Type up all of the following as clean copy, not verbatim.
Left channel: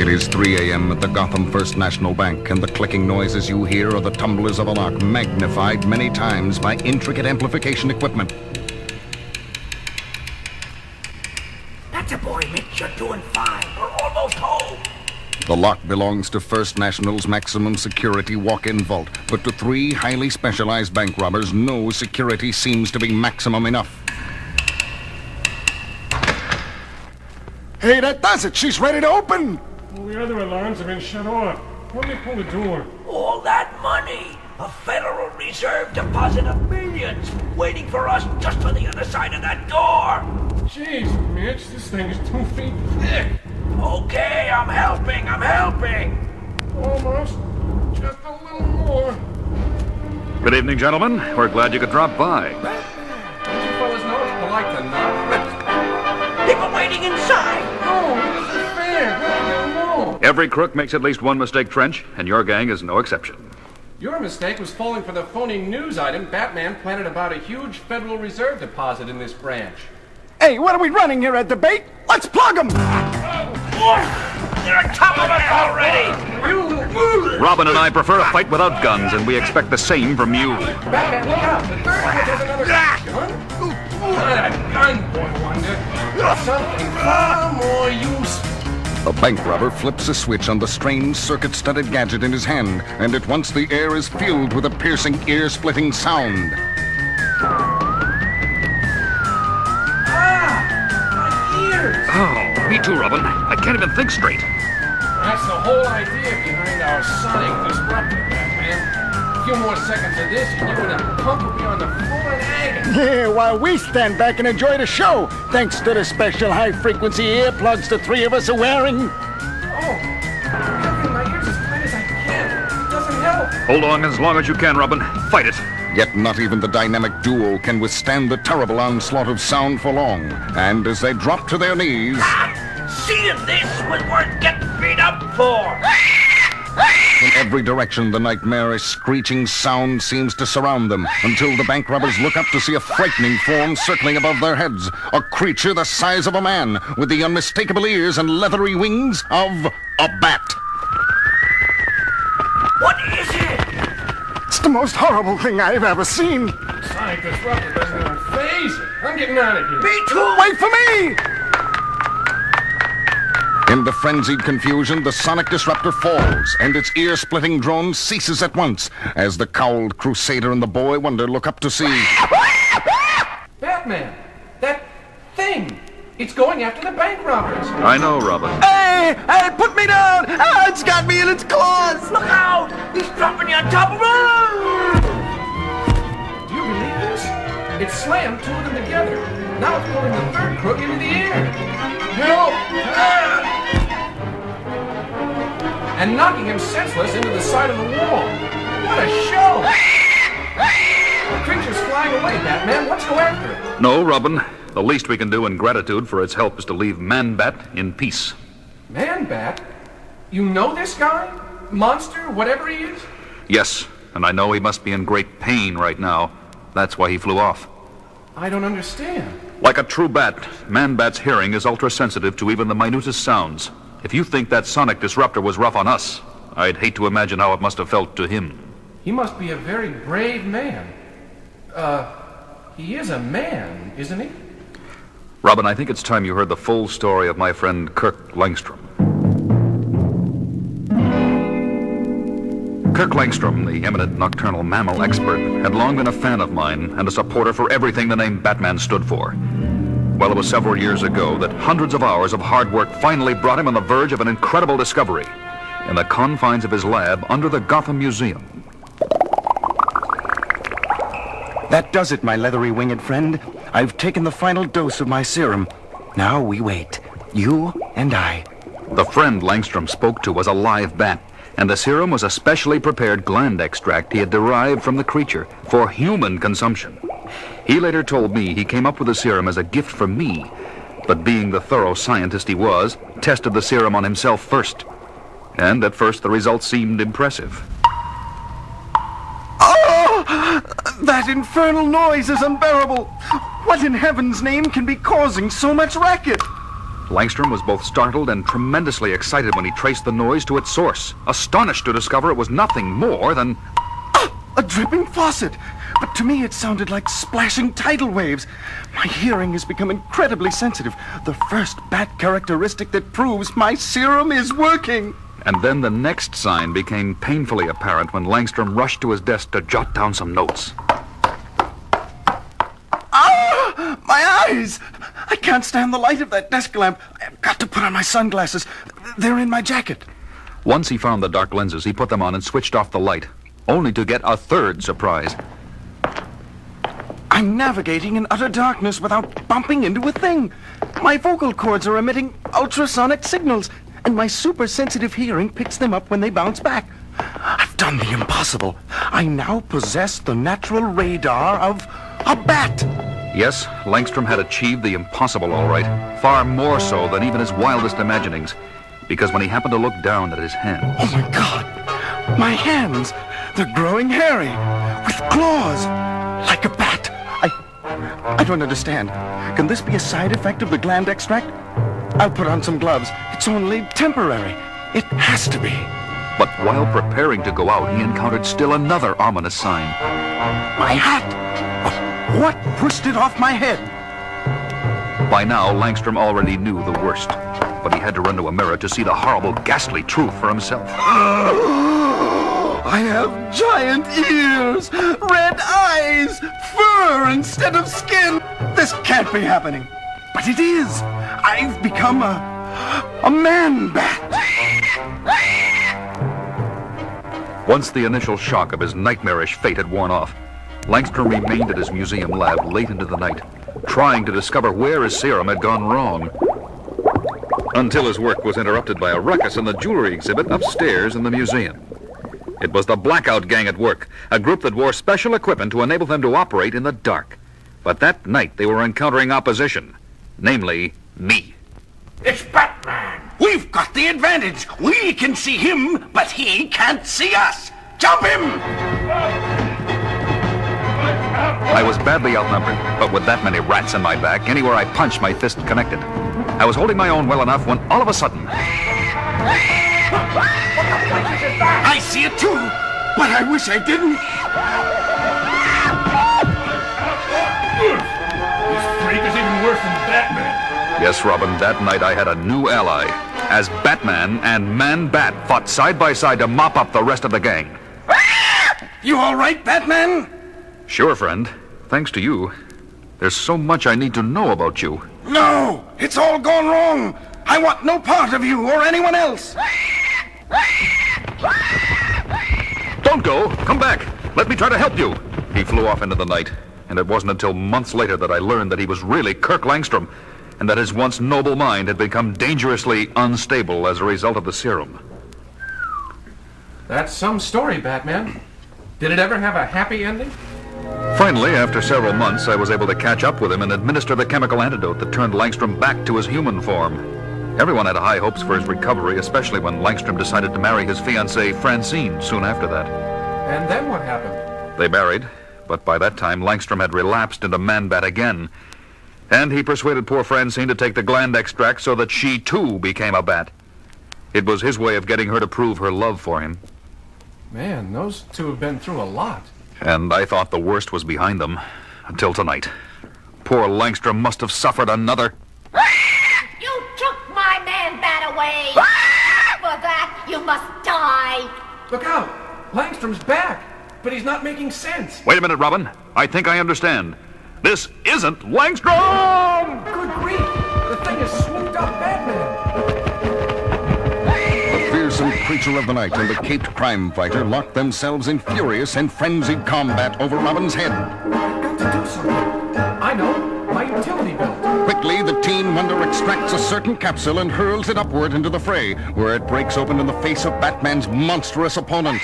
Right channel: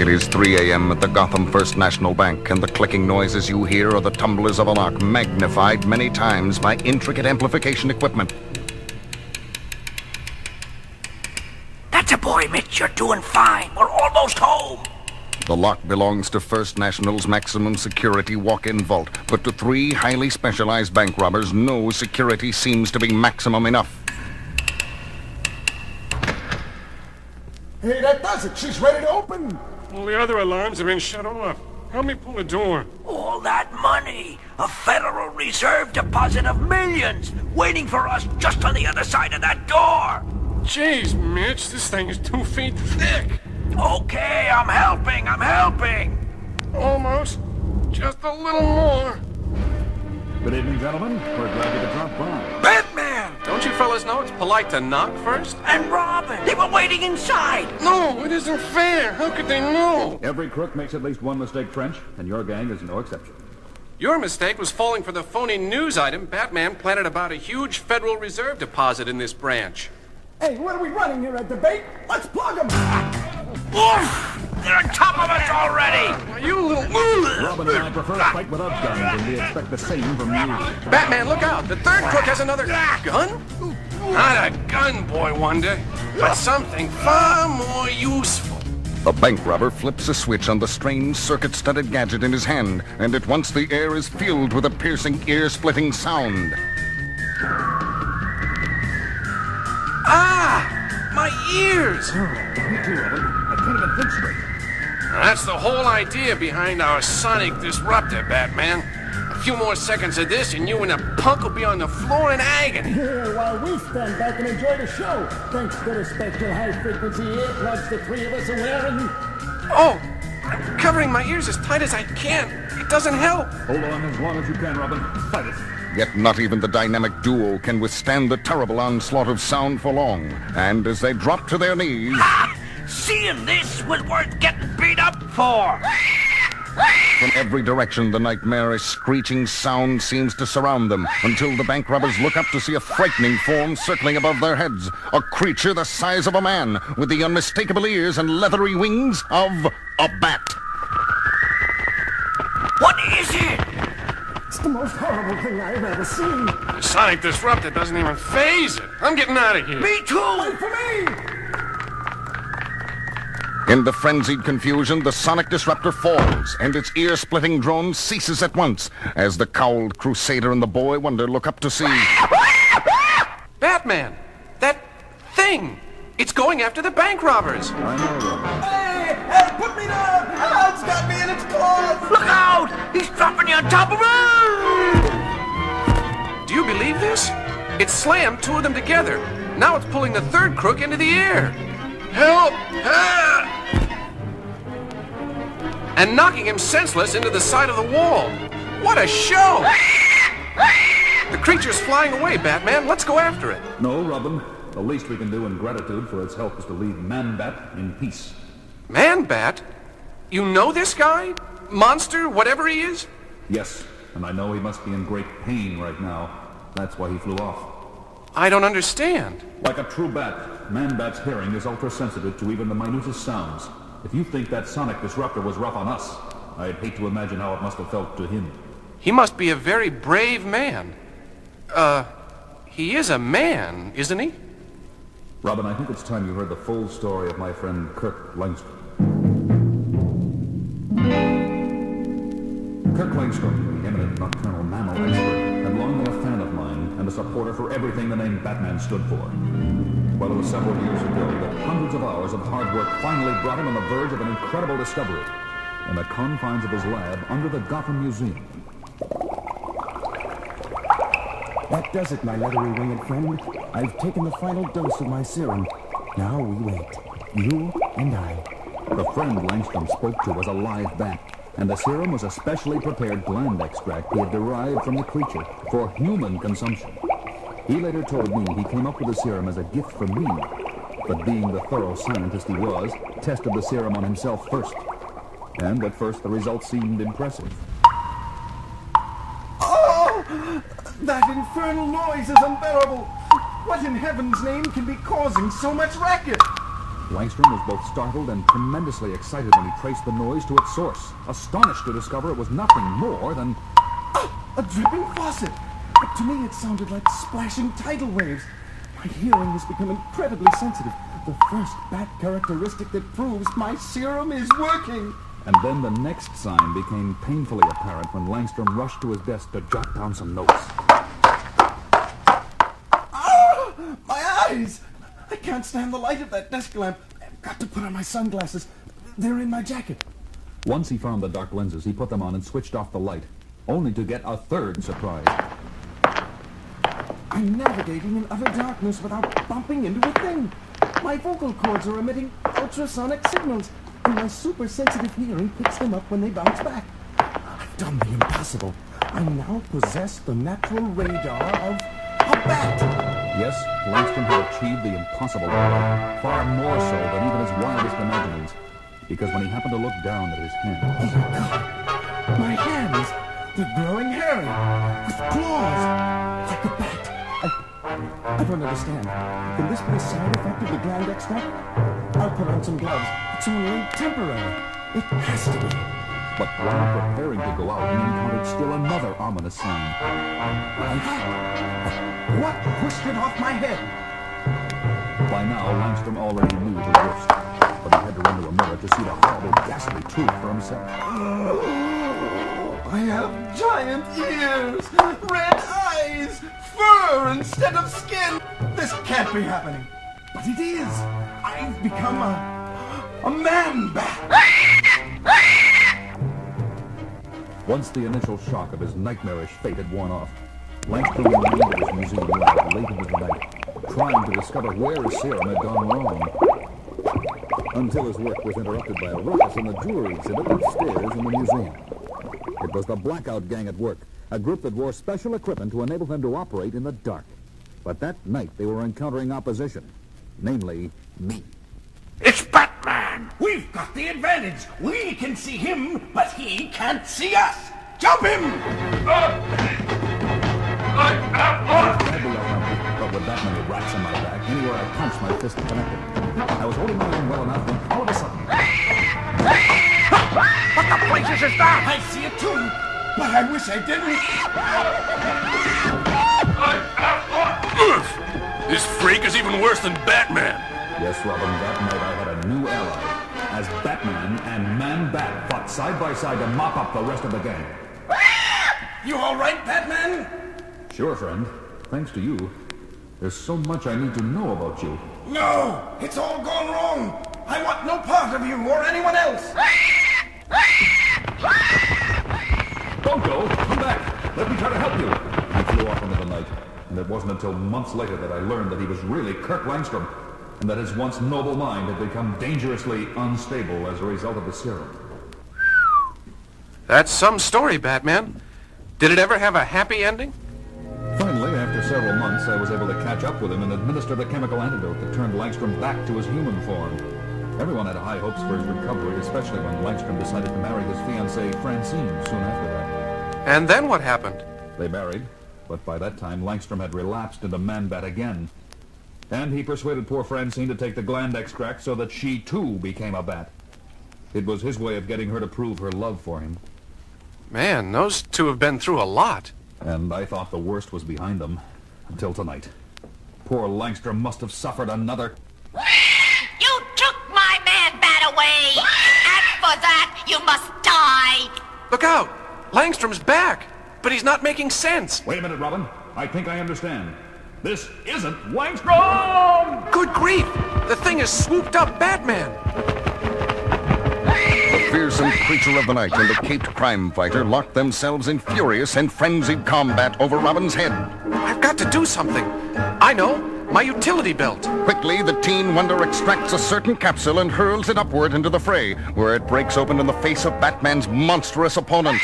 It is 3 a.m. at the Gotham First National Bank, and the clicking noises you hear are the tumblers of a lock, magnified many times by intricate amplification equipment. That's a boy, Mitch. You're doing fine. We're almost home. The lock belongs to First National's maximum security walk-in vault, but to 3 highly specialized bank robbers, no security seems to be maximum enough. Hey, that does it. She's ready to open. All the other alarms have been shut off. Help me pull the door. All that money. A Federal Reserve deposit of millions waiting for us just on the other side of that door. Jeez, Mitch, this thing is 2 feet thick. Okay, I'm helping. Almost. Just a little more. Good evening, gentlemen. We're glad you could drop by. Batman! Don't you fellas know it's polite to knock first? And Robin! They were waiting inside! No, it isn't fair. How could they know? Every crook makes at least one mistake, Trench, and your gang is no exception. Your mistake was falling for the phony news item Batman planted about a huge Federal Reserve deposit in this branch. Hey, what are we running here, a debate? Let's plug them! You're on top of it already! Robin and I prefer a fight without guns, and we expect the same from you. Batman, look out! The third one has another gun? Not a gun, boy wonder. Something far more useful. The bank robber flips a switch on the strange circuit-studded gadget in his hand, and at once the air is filled with a piercing, ear-splitting sound. Ears! Oh, me too, Robin. I can't even think straight. That's the whole idea behind our sonic disruptor, Batman. A few more seconds of this and you and a punk will be on the floor in agony. Yeah, while we stand back and enjoy the show, thanks to the special high-frequency earplugs the 3 of us are wearing. Oh, covering my ears as tight as I can. It doesn't help. Hold on as long as you can, Robin. Fight it. Yet not even the dynamic duo can withstand the terrible onslaught of sound for long. And as they drop to their knees... Seeing this was worth getting beat up for! From every direction, the nightmarish screeching sound seems to surround them, until the bank robbers look up to see a frightening form circling above their heads. A creature the size of a man, with the unmistakable ears and leathery wings of a bat. What is it? It's the most horrible thing I've ever seen. Sonic disruptor doesn't even phase it. I'm getting out of here. Me too! Wait for me! In the frenzied confusion, the sonic disruptor falls, and its ear-splitting drone ceases at once, as the cowled crusader and the boy wonder look up to see... Batman! That thing! It's going after the bank robbers! I know, Robin. Hey! Hey, put me down! Ah, it's got me in its claws! Look out! He's dropping you on top of him! Do you believe this? It slammed 2 of them together. Now it's pulling the third crook into the air. Help! Help! And knocking him senseless into the side of the wall. What a show! The creature's flying away, Batman. Let's go after it. No, Robin. The least we can do in gratitude for its help is to leave Man-Bat in peace. Man-Bat? You know this guy? Monster, whatever he is? Yes, and I know he must be in great pain right now. That's why he flew off. I don't understand. Like a true bat, Man-Bat's hearing is ultra-sensitive to even the minutest sounds. If you think that sonic disruptor was rough on us, I'd hate to imagine how it must have felt to him. He must be a very brave man. He is a man, isn't he? Robin, I think it's time you heard the full story of my friend Kirk Langstrom. Kirk Langstrom, the eminent nocturnal mammal expert, had long been a fan of mine and a supporter for everything the name Batman stood for. Well, it was several years ago that hundreds of hours of hard work finally brought him on the verge of an incredible discovery in the confines of his lab under the Gotham Museum. That does it, my leathery winged friend. I've taken the final dose of my serum. Now we wait. You and I. The friend Langstrom spoke to was a live bat, and the serum was a specially prepared gland extract he had derived from the creature for human consumption. He later told me he came up with the serum as a gift from me, but being the thorough scientist he was, tested the serum on himself first. And at first the results seemed impressive. Oh! That infernal noise is unbearable. What in heaven's name can be causing so much racket? Langstrom was both startled and tremendously excited when he traced the noise to its source, astonished to discover it was nothing more than... A dripping faucet! But to me it sounded like splashing tidal waves. My hearing has become incredibly sensitive. The first bat characteristic that proves my serum is working. And then the next sign became painfully apparent when Langstrom rushed to his desk to jot down some notes. Ah! My eyes! I can't stand the light of that desk lamp. I've got to put on my sunglasses. They're in my jacket. Once he found the dark lenses, he put them on and switched off the light, only to get a third surprise. I'm navigating in utter darkness without bumping into a thing. My vocal cords are emitting ultrasonic signals, and my super-sensitive hearing picks them up when they bounce back. I've done the impossible. I now possess the natural radar of a bat. Yes, Langstrom had achieved the impossible all right, far more so than even his wildest imaginings, because when he happened to look down at his hands... Oh, my God. My hands, they're growing hairy, with claws, like a bat. I don't understand. Can this be a side effect of the gland extract? I'll put on some gloves. It's only temporary. It has to be. But while preparing to go out, he encountered still another ominous sign. My hat! What pushed it off my head? By now, Langstrom already knew the worst, but he had to run to a mirror to see the horrible, ghastly truth for himself. I have giant ears, red eyes, fur instead of skin. This can't be happening. But it is. I've become a man bat. Once the initial shock of his nightmarish fate had worn off, Langstrom remained at his museum lab late into the night, trying to discover where his serum had gone wrong. Until his work was interrupted by a ruckus in the jewelry exhibit upstairs in the museum. It was the Blackout Gang at work, a group that wore special equipment to enable them to operate in the dark. But that night they were encountering opposition, namely me. It's Batman! We've got the advantage! We can see him, but he can't see us! Jump him! I was badly outnumbered, but with that many rats in my back, anywhere I punched, my fist connected. I was holding my own well enough when all of a sudden... I see it too, but I wish I didn't. This freak is even worse than Batman. Yes, Robin, that night I had a new ally, as Batman and Man-Bat fought side by side to mop up the rest of the gang. You all right, Batman? Sure, friend. Thanks to you. There's so much I need to know about you. No, it's all gone wrong. I want no part of you or anyone else. Don't go! Come back! Let me try to help you! He flew off into the night, and it wasn't until months later that I learned that he was really Kirk Langstrom, and that his once noble mind had become dangerously unstable as a result of the serum. That's some story, Batman. Did it ever have a happy ending? Finally, after several months, I was able to catch up with him and administer the chemical antidote that turned Langstrom back to his human form. Everyone had high hopes for his recovery, especially when Langstrom decided to marry his fiancée, Francine, soon after that. And then what happened? They married, but by that time, Langstrom had relapsed into Man-Bat again. And he persuaded poor Francine to take the gland extract so that she, too, became a bat. It was his way of getting her to prove her love for him. Man, those two have been through a lot. And I thought the worst was behind them, until tonight. Poor Langstrom must have suffered another... You took my Man-Bat away! And for that, you must die! Look out! Langstrom's back, but he's not making sense. Wait a minute, Robin. I think I understand. This isn't Langstrom! Good grief! The thing has swooped up Batman! The fearsome creature of the night and the caped crime fighter locked themselves in furious and frenzied combat over Robin's head. I've got to do something. I know. My utility belt. Quickly, the Teen Wonder extracts a certain capsule and hurls it upward into the fray, where it breaks open in the face of Batman's monstrous opponent.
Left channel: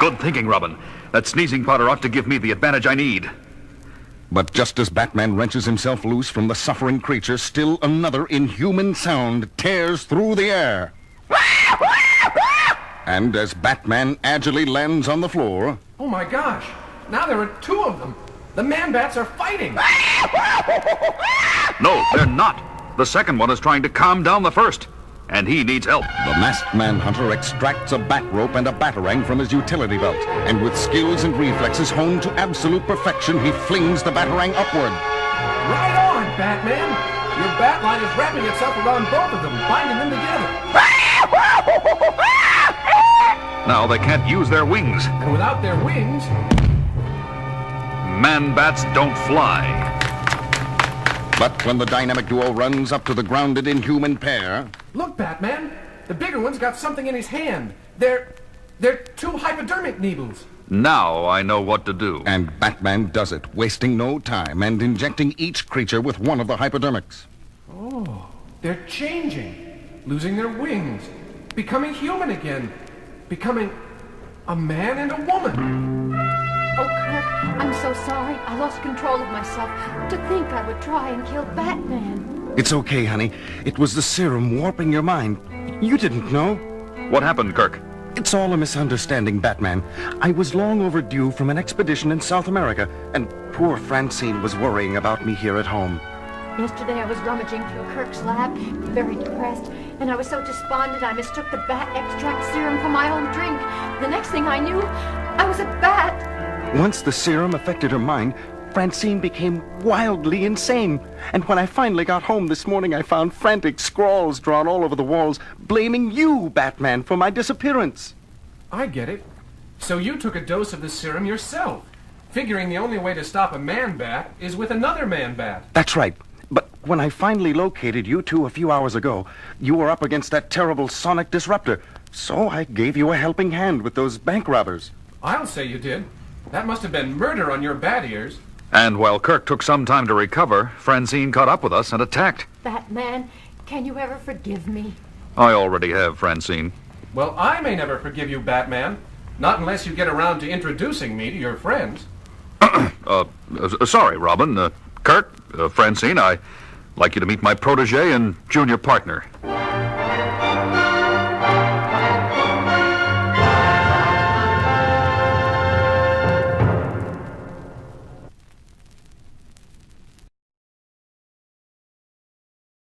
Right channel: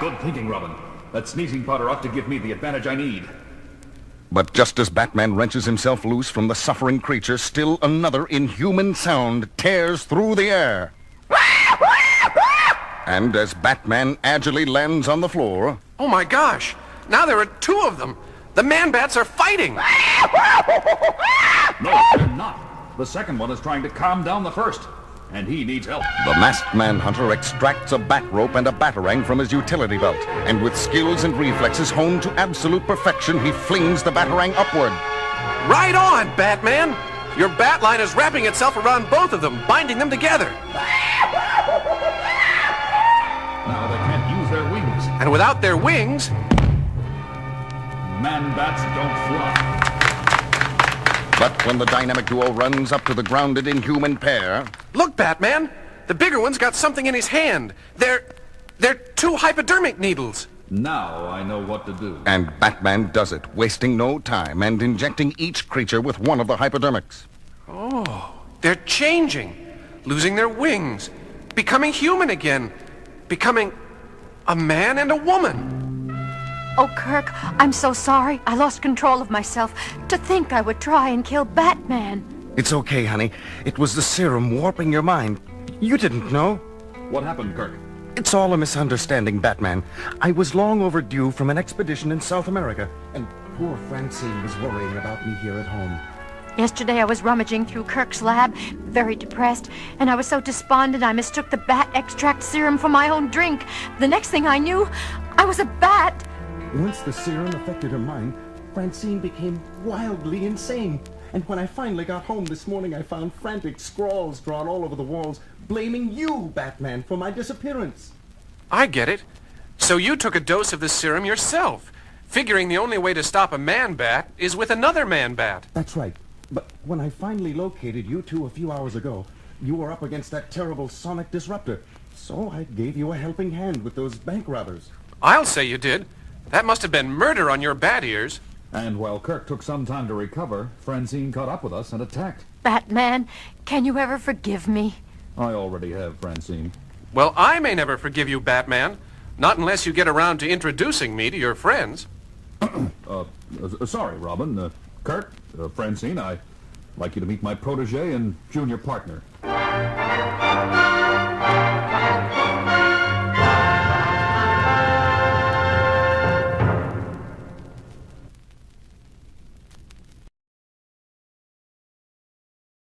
Good thinking, Robin. That sneezing powder ought to give me the advantage I need. But just as Batman wrenches himself loose from the suffering creature, still another inhuman sound tears through the air. And as Batman agilely lands on the floor... Oh my gosh! Now there are two of them! The Man-Bats are fighting! No, they're not. The second one is trying to calm down the first, and he needs help. The masked manhunter extracts a bat rope and a batarang from his utility belt, and with skills and reflexes honed to absolute perfection, he flings the batarang upward. Right on, Batman! Your bat line is wrapping itself around both of them, binding them together. Now they can't use their wings. And without their wings... Man-bats don't fly. But when the dynamic duo runs up to the grounded inhuman pair... Look, Batman! The bigger one's got something in his hand. They're 2 hypodermic needles. Now I know what to do. And Batman does it, wasting no time and injecting each creature with one of the hypodermics. Oh, they're changing, losing their wings, becoming human again, becoming a man and a woman. Oh, Kirk, I'm so sorry. I lost control of myself. To think I would try and kill Batman. It's okay, honey. It was the serum warping your mind. You didn't know. What happened, Kirk? It's all a misunderstanding, Batman. I was long overdue from an expedition in South America, and poor Francine was worrying about me here at home. Yesterday I was rummaging through Kirk's lab, very depressed, and I was so despondent I mistook the bat extract serum for my own drink. The next thing I knew, I was a bat. Once the serum affected her mind, Francine became wildly insane. And when I finally got home this morning, I found frantic scrawls drawn all over the walls, blaming you, Batman, for my disappearance. I get it. So you took a dose of the serum yourself, figuring the only way to stop a man-bat is with another man-bat. That's right. But when I finally located you two a few hours ago, you were up against that terrible sonic disruptor. So I gave you a helping hand with those bank robbers. I'll say you did. That must have been murder on your bat ears. And while Kirk took some time to recover, Francine caught up with us and attacked. Batman, can you ever forgive me? I already have, Francine. Well, I may never forgive you, Batman. Not unless you get around to introducing me to your friends. Sorry, Robin. Kurt, Francine, I'd like you to meet my protege and junior partner.